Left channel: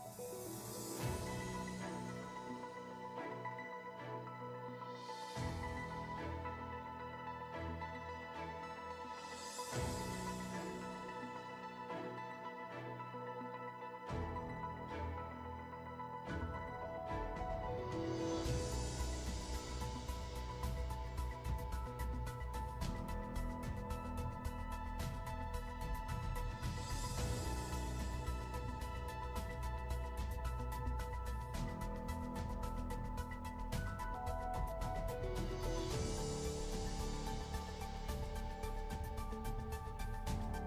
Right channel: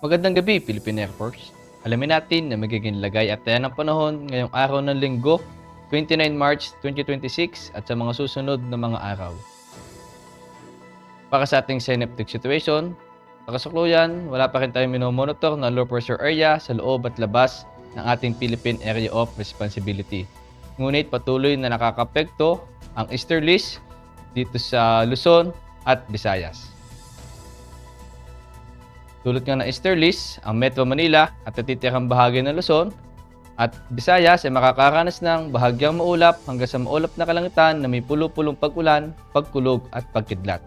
Magandang gabi, Philippine Air Force. Alamin natin na magiging lagay at taya ng panahon ngayong araw ng Linggo, 29 March 2026 at sa mga susunod na mga araw. Para sa ating synaptic situation, sa kasalukuyan, wala pa rin tayong minomonitor na low pressure area sa loob at labas ng ating Philippine Area of Responsibility. Ngunit patuloy na nakakapekto ang easterlies dito sa Luzon at Visayas. Tulad nga ng easterlies, ang Metro Manila at natitirang bahagi ng Luzon at Visayas ay makakaranas ng bahagyang maulap hanggang sa maulap na kalangitan na may pulo-pulong pag-ulan, pagkulog at pagkidlat.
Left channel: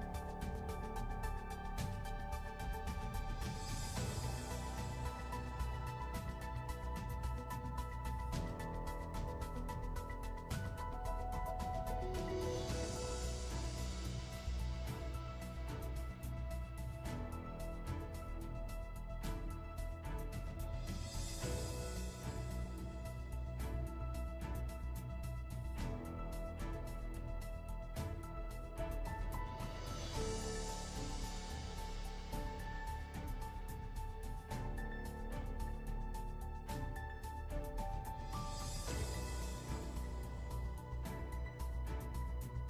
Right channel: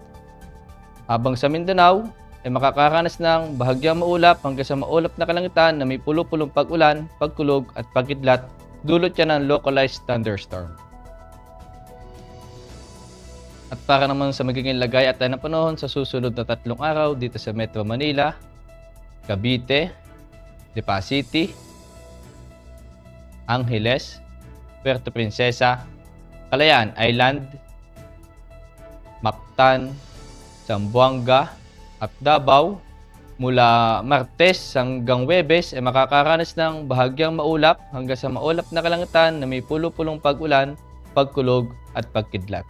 Habang sa Mindanao ay makakaranas ng bahagyang maulap hanggang sa maulap na kalangitan na may pulo-pulong pag-ulan, pagkulog at pagkidlat, dulot yan ng localized thunderstorm. At para naman sa magiging lagay at ng panahon sa susunod na 3 araw dito sa Metro Manila, Cavite, Lipa City, Angeles, Puerto Princesa, Calayan Island, Mactan, Zamboanga at Davao, mula Martes hanggang Huwebes ay makakaranas ng bahagyang maulap hanggang sa maulap na kalangitan na may pulo-pulong pag-ulan, pagkulog at pagkidlat.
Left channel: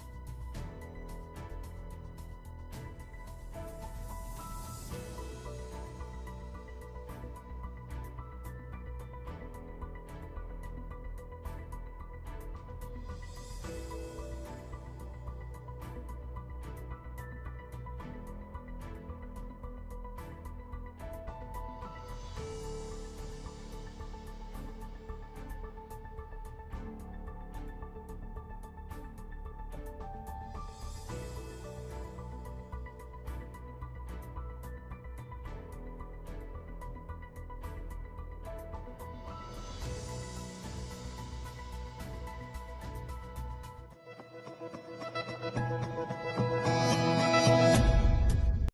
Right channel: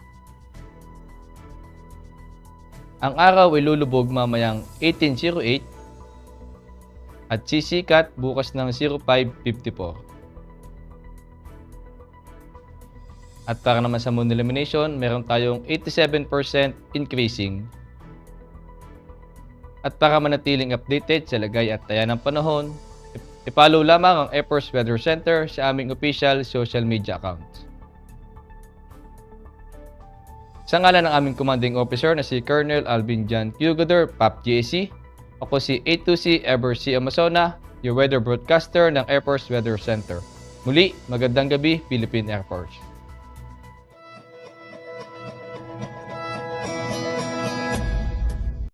Ang araw ay lulubog mamayang 18:08 at sisikat bukas ng 05:54. At para naman sa moon illumination, meron tayong 87% increasing. At para manatiling updated sa lagay at taya ng panahon, i-follow lamang ang Air Force Weather Center sa aming official social media accounts. Sa ngalan ng aming commanding officer na si Colonel Alvin John Hugodor, PAP-GAC, ako si A2C Ever C. Amazona, your weather broadcaster ng Air Force Weather Center. Muli, magandang gabi, Philippine Air Force.